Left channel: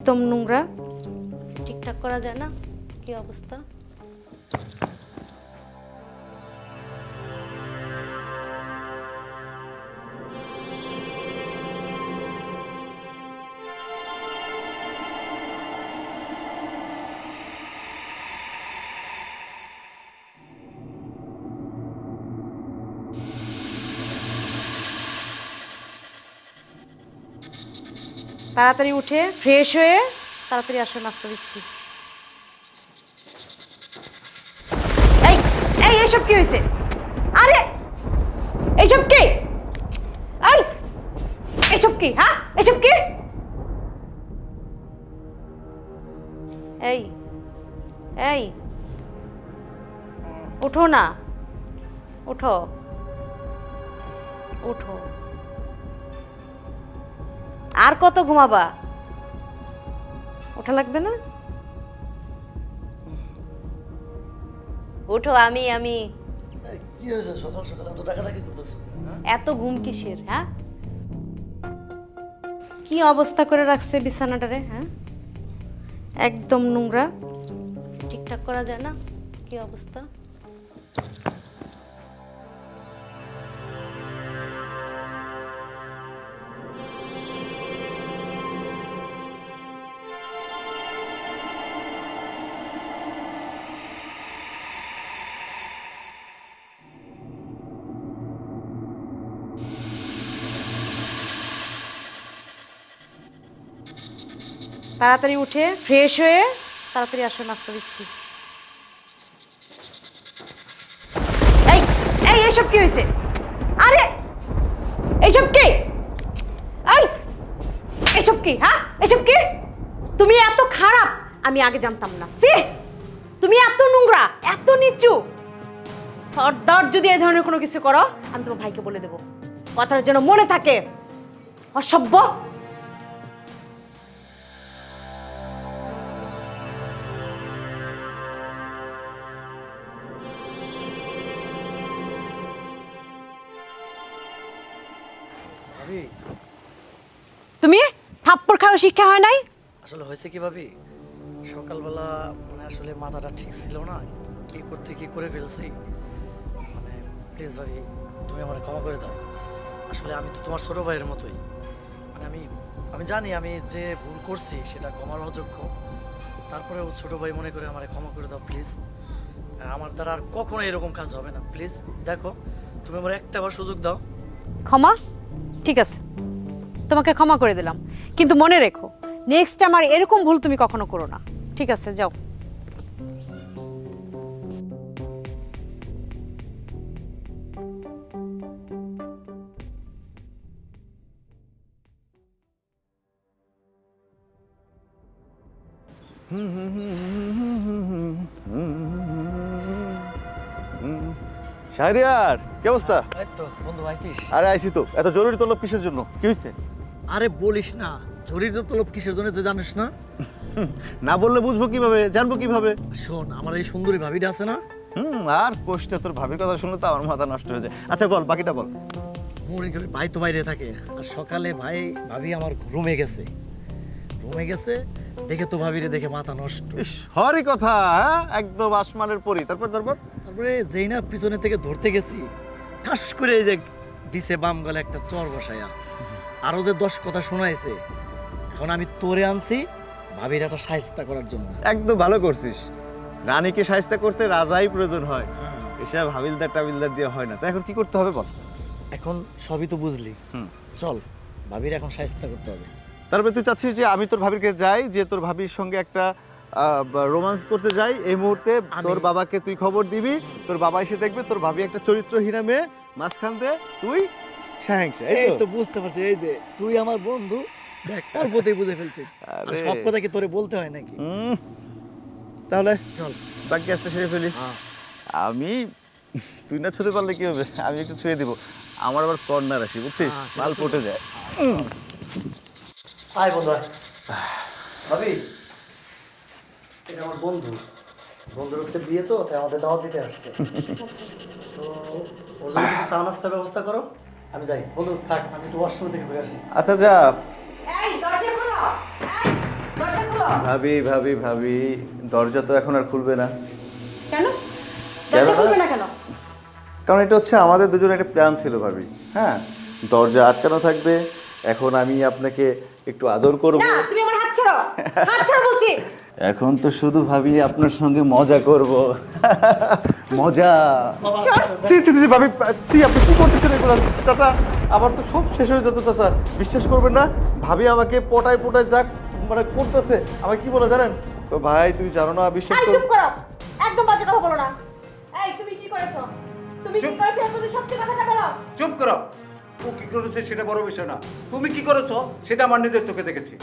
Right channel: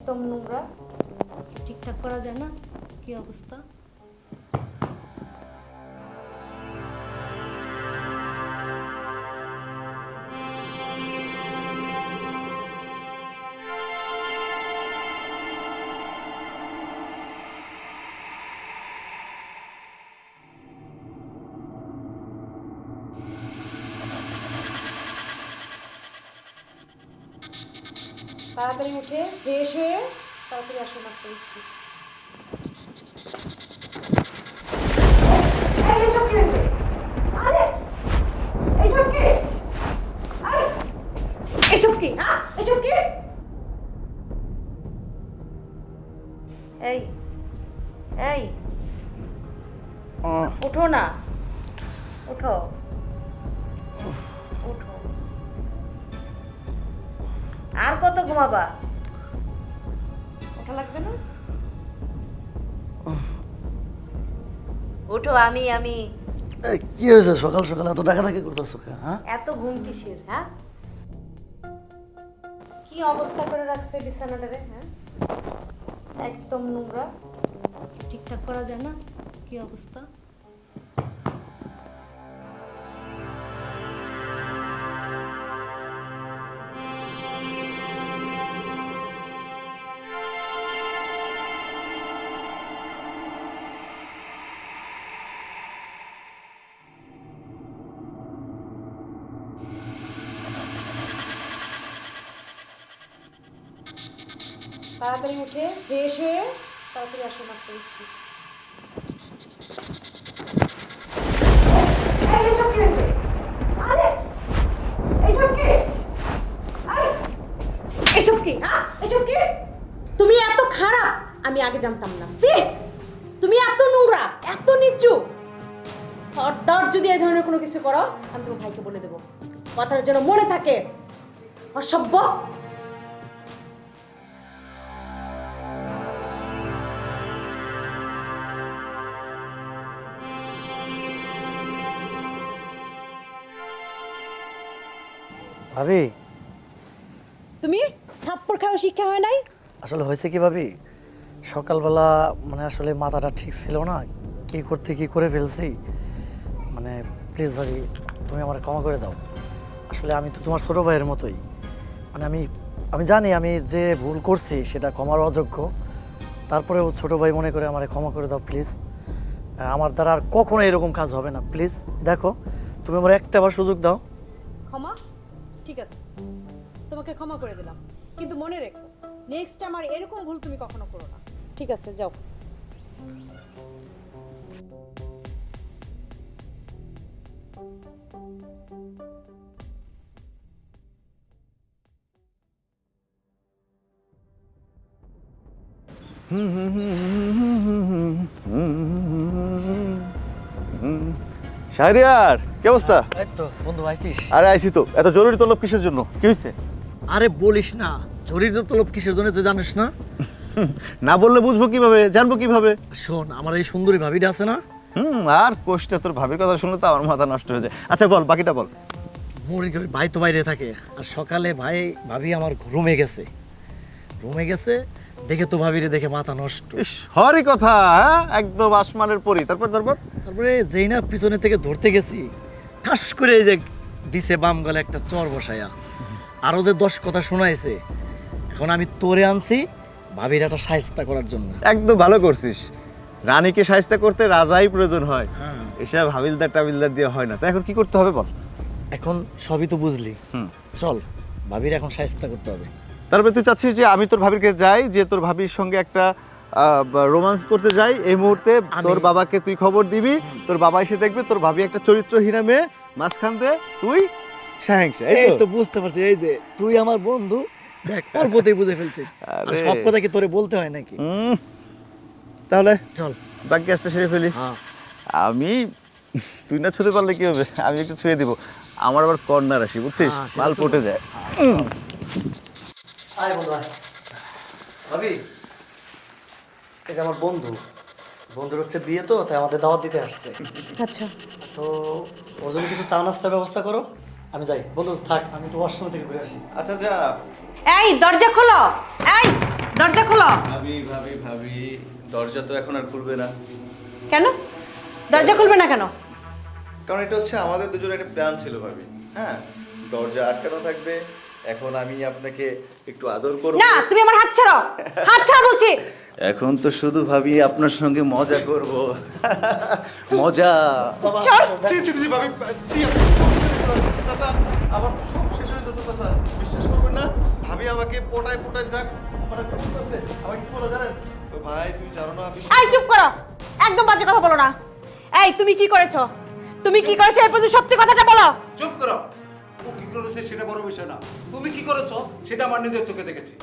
একদম নোংরা। ঠিকঠাক করা যায় না? কি অবস্থা? তাড়াতাড়ি উঠে ফ্রেশ হয়ে তাড়াতাড়ি আসো নাস্তা দিচ্ছি। এই এই এসব কি হয়েছে? আরে এসব কি? এই এসব কি? হ্যাঁ এসব কি? এই এই ওঠো না। ওঠো ওঠো আর কত ঘুমাবা? ওঠা লাগবে না? ওঠো আমি আমি। কি হয়েছে? সকাল সকাল এত ডাকাডাকি করতেছো কেন, হ্যাঁ? এত ঘুম কিসের হ্যাঁ? কি অবস্থা করে রাখছে বিছানাটারে হ্যাঁ? একদম নোংরা। ঠিকঠাক করা যায় না? কি অবস্থা? তাড়াতাড়ি উঠে ফ্রেশ হয়ে তাড়াতাড়ি আসো নাস্তা দিচ্ছি। এই এসব কি হয়েছে? আরে, এসব কি? এই, এসব কি হ্যাঁ? এসব কি? তুমি এত খারাপ, আমি আগে জানতাম না। সি তুমি এত নোংরা, এত নিচু। খবরদার যদি এই ধরনের কোনো কিছু করো, আমি তোমার ভাইকে বলে দেবো। কথার যেন মনে থাকে। অসভ্য। ভাবি। তুমি? থাপ্পড় খাওয়া শিক্ষা হয় নাই? আসলে হয়েছে কি ভাবি? সকালবেলা মানে আসলে মাথাটা ঠিক ছিল না। কি করতে কি করে ফেলছি? মানে প্লিজ ভাবি তুমি আমার ক্ষমা করে দাও। আসলে আমি তো তোমার ছোটো ভাইয়ের মতোই। মানে আমি আমি জানি আমি যে ভুল করছি সেটা ক্ষমার অযোগ্য। তারপরে তারপরেও ছোটো ভাই মনে করে আমার ক্ষমা করে দাও প্লিজ আমার দ্বারা আর কখনো এরকম কাজ হবে না প্লিজ দেখো তুমি আমার একটা বার সুযোগ দাও। ক্ষমা? ঠিক আছে তোমাকে ক্ষমা করে দিলাম কিন্তু মনে রেখো নেক্সট টাইম আর এরকম ভুল তুমি কখনো করো না ঠিক আছে যাও শাহরিয়ার কি অবস্থা? এই তো বন্ধু আইছিস আরে আইসি তো এত জরুরি তলব কিসের জন্য? কি হয়েছে আরে বলিস না জরির তলব কিসের জন্য তুই জানিস না? না বললে বুঝব কীভাবে জানব কীভাবে? শোন আমার এই সুন্দরী ভাবিটা আছে না? হুম আর কোষ্ঠে তোর ভাবির কথা শুনলে তো আমার মাথা নষ্ট হয়ে যায়। আচ্ছা বল বাকিটা বল। মুড়ি করে ভাই তো বাইরে থাকে আর সকালে ভাই ভাবি আমার রুমে গেছে। রুমে গেছে দেখে তো ভাবিরে দেখে মাথা নষ্ট। হরই কথা হ্যাঁ? একদম আসমানের পরি। তারপর তারপর? তারপরে যেই না পিছনে থেকে ধরতে গেছি ঠাস করে এই যে দিছে বাম গলে একটা চর বসায়া। আরও যে দশ কথা শোনাইছে এখন আমি তোরে আনছি ভাবির একটা সাহিস্তা করার জন্য। একদম ভালো করছিস। রানীকে সাহিস্তা করতে রাজাই প্রয়োজন হয়। হ্যাঁ। এসব হাবিলদার টাবিলদার দিয়ে হয় না। তো এখন কি করতে হবে বল? এখন সবই তো বুঝলি। চল ভাবির এখন সাহিস্তা করতে হবে। তারপরে তুই চাচ্ছিস যে আমি তোর ভাবির কাছে যাই যে তোর ভাবির সঙ্গে একটা রোমান্স করতে যাই এই মুহূর্তে তোর বাবাকে তুই খবর দিবি তোর বাবা এসে দেখবে তোর ভাবি একটা চরিত্রহীনা মেয়ে মাঝখান দিয়ে তুই সাহেংসা এই তো? বুঝতে পারছি এই যে তুই আমার বন্ধু দেখ অল্পতেই বুঝে ফেলছিস। সব কথা কি তোরে বলতে হয় নাকি? তাহলে চল। বাকি কাজটা সেরে ফেলি। হ্যাঁ। আমি তুই না ছুতে পারলে কি হবে? আমি একটু ছুঁয়ে দিব। আমার আবার কর্নার আসি বুঝছিস? হ্যাঁ, মাল তো- পটে যায়। আয় বন্ধু ভাবি এই যে আমার বন্ধু বন্ধুর হচ্ছে বিয়ে তো তাই আমাদের দাওয়াত দিতে আসছে। আচ্ছা। তো ওর জন্য কিছু চা নাস্তার ব্যবস্থা করো আমি যাই। বন্ধু থাক আমি একটু ওয়াশরুম থেকে ঘুরে আসি। আচ্ছা যা। এই দরজা খোলো। এই দরজা ভাবি ভাবি ভাবি দরজা তো এখন আর খুলবে না। কেন? দরজা খুলবে না কেন? কারণ এটা হচ্ছে আমাদের দুজনের একটা প্ল্যান ছিল ভাবি। হ্যাঁ? দরজা আটকানো থাকবে। এখন আমি আপনাকে একটু আদর করব। না তুমি আমার হাত ছাড়ো হাত ছাড়ো বলছি। এখন তো শুধু ভাবি আপনার সঙ্গে মজা করব। মজা। ছাড়। জি জি জি ভাবি জি আপনি কি করতেছেন এগুলো? চাচা আমার তো সব শেষ হয়ে যেত চাচা। বিশ্বাস করবেন না ভাবি আমাকে পটায় পটায় যাক মানে করতেছে। আমাকে কি বলে জানেন? তো ভাই তুমি জানো না বিশ্বাস এই চুপ করো। একদম বাজে কথা বলো না। এই তুমি কি করেছ? তুমি কি করেছ এই পর্যন্ত সত্যি কথাটা বলো। চুপ করো। ও কি করেছে সেটা বড় বিষয় না। তুমি কি করেছ সেটা আমার নিজের চোখে দেখেছি।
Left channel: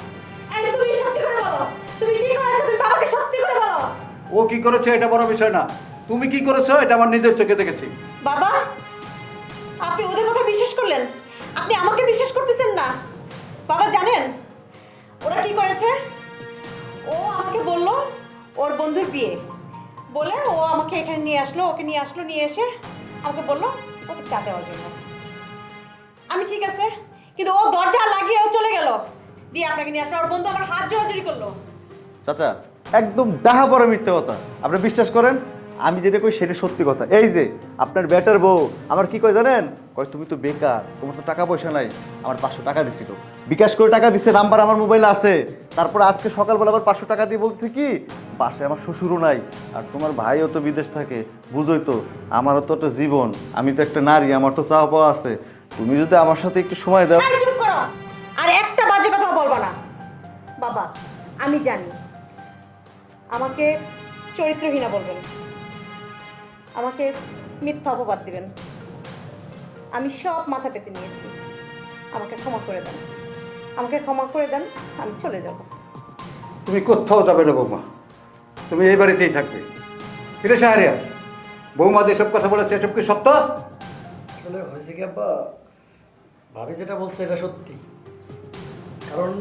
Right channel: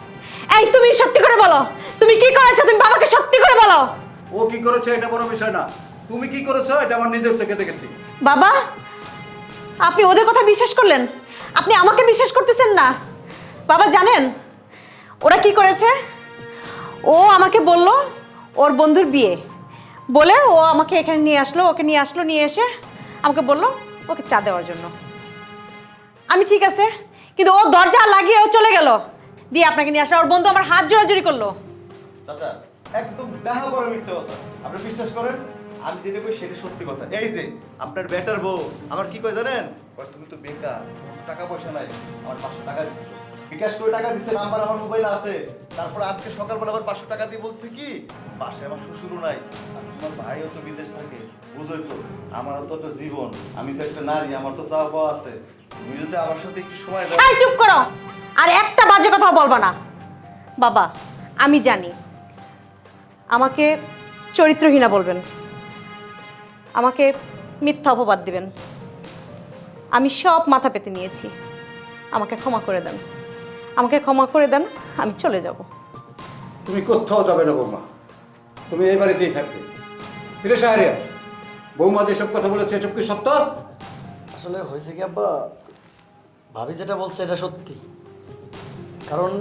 এই তুমি সত্যি করে বলো। তুমি কি করেছ তুমি বাবাকে সত্যি করে বলো। ও কি করেছে এটা বড় বিষয় না। তুমি কি করেছ এটা আমার নিজের চোখে দেখেছি। বাবা আপনি ওদের কথা বিশ্বাস করলেন? আপনি আমাকে বিশ্বাস করতেছেন না। বাবা জানেন? ওরা কি করেছে? ও আমাকে বলল ওর বন্ধুর বিয়ে। বলে ও আমাকে এখানে নিয়ে আসলো ওকে নিয়ে আসলো নিয়ে এসে আমাকে বলল ওকে চা দেওয়ার জন্য। আমি ঠিক আছে, কিন্তু ও দরজা লাগিয়ে ও চলে গেল। দিয়ে আপনাকে নিয়ে আসা ওর বন্ধু আমার হাত জোড়াজোড়ি করল। চাচা, একদম ডাহা বড় মিথ্যে কথা। আপনি বিশ্বাস করেন? আমি যেটা কই সেটা সত্যি কথা। এই যে, আপনার ব্যাটার বউ, আমার কি কয় জানেন? কয়, তুমি তো বেকার, তোমার তো টাকা পয়সা নাই, আমার পাঁচশো টাকা দিছিল বিকাশ করে টাকা দিচ্ছে নাম্বার আমার মোবাইলে আছে। তারপর আজকে সকালবেলা আবার পাঁচশো টাকা দিয়ে বলতে কি পাশে আমার শ্বশুরও নাই, আর তোমার ভাইও তো বিদেশ থাকে, বুঝোই তো, আমারও তো একটা জীবন, আমি তো একটা নারী, আমার তো চাওয়া পাওয়া আছে। তুমি যদি আমার সাথে একটু সময় দাও। এই চুপ করো। আর একটা বাজে কথা বলবা না। বাবা আমি জানি। আমাকে চরিত্রহীনা বলবেন। আমাকে মিথ্যা অপবাদ দিবেন। আমি সব মাথা পেতে নিয়েছি। আমাকে ক্ষমা করে দেন। আমাকে ক্ষমা করে দেন আমি চলে যাব। তুমি কোথাও যাবে না বৌমা। তুমি এই বাড়িতেই থাকবে। ফিরে সাহারিয়া বৌমা যেসব কথা বলেছে এসব কি সত্য? আসলে হয়েছে কি আব্বা? ভাবি যেটা বলছে এটা সত্যি। কারণ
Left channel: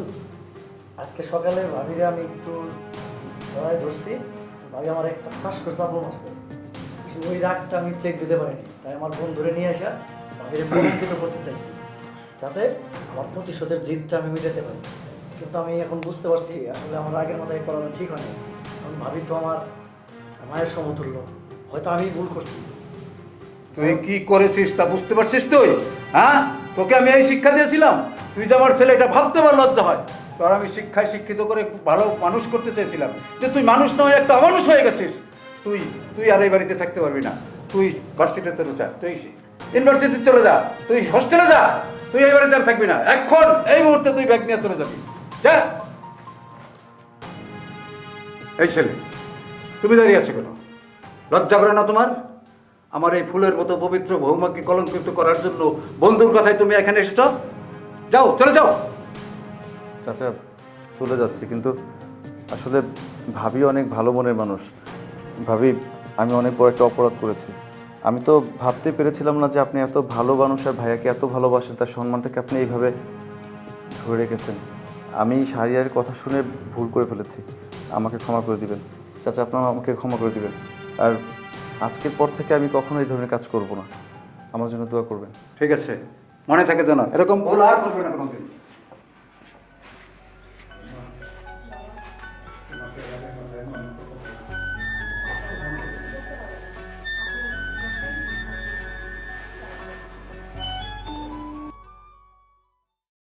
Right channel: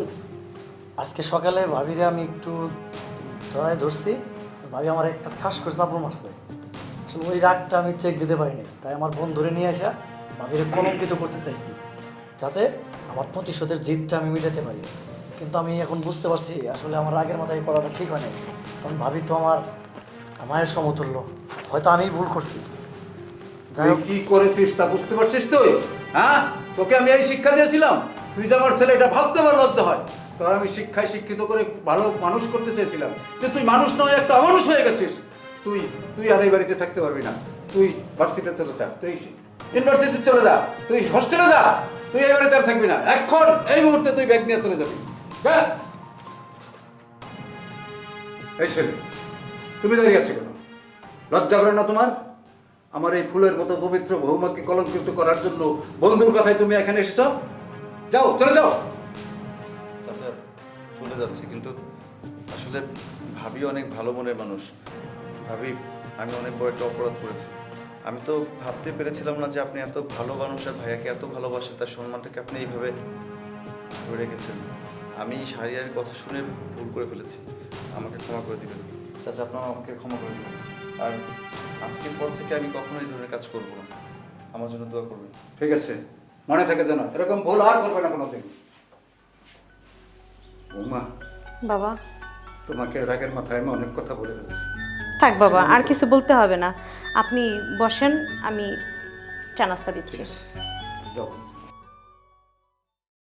আজকে সকালে ভাবিরে আমি একটু ধরায় ধরছি, ভাবি আমার একটা ঠাস করে চাপড় মারছে। আসলে ওই রাগটা আমি চেক দিতে পারিনি। তাই আমার বোন ধরে নিয়ে আসা ভাবিরে কলঙ্কিত করতে চাইছি, যাতে আমার প্রতিশোধের জিতটা আমি মিটাতে পারি। কিন্তু আমি এখন বুঝতে পারছি, আসলে আমার আগের মাথায় করাটা ঠিক হয়নি। কারণ ভাবি তো আমার মায়ের সমতুল্য। হয়তো আমি ভুল করছি। যাই কি করেছিস তা বুঝতে পারছিস তুই? হ্যাঁ তোকে আমি এই শিক্ষা দিয়েছিলাম। তুই যে আমার ছেলে, এটা ভাবতে পার লজ্জা হয়। তোর আমি শিক্ষায় শিক্ষিত করে ভালো মানুষ করতে চেয়েছিলাম। যে তুই মানুষ নয়, একটা অমানুষ হয়ে গেছিস। তুই তুই আর এই বাড়িতে থাকতে পারবি না। তুই ভার্সিটিতে চলে যা, তুই ইউনিভার্সিটি চলে যা, তুই হোস্টেলে যা, তুই এই বাড়িতে আর থাকবি না। এখন, এই মুহূর্তে তুই ব্যাগ নিয়ে চলে যাবি। এই ছেলে, তুমি দাঁড়িয়ে আছো কেন? লজ্জা করে না তোমার? আমার এই ফুলের মতো পবিত্র বৌমাকে কলঙ্কিত করার জন্য বন্ধুর কথায় তুমি এখানে এসেছ? যাও, চলে যাও। চাচা, চলে যাচ্ছি, কিন্তু আসলে ভাবি অনেক ভালো মনের মানুষ। ভাবি, আমি অনেক বড় একটা অপরাধ করেছি। আমি তো ভাবতে পেরেছিলাম না যে আপনি এত ভালো মানুষ আর ভাইয়াকে এত ভালোবাসেন তার সম্মানটাকে আপনি এইভাবে ধরে রেখেছেন। আমি সারিয়ার কথা শুনে ভুল করে ফেলেছি। আমাকে ক্ষমা করে দিবেন। চাচা, আপনার আমাকে ক্ষমা করে দিবেন। আর আজকের পর থেকে আমি কখনো এই ধরনের কাজ করব না। আমার জন্য দোয়া করবেন। ঠিক আছে। মনে থাকে জানো এরকম ভুল আর করবে না কোনোদিন। বাবা। তোমাকে রাগের মাথায় আমি অনেক কথা বলে ফেলেছি থাক বাবা আর কিছু বলতে হবে না। আপনি বসেন আমি চা নাস্তা দিচ্ছি।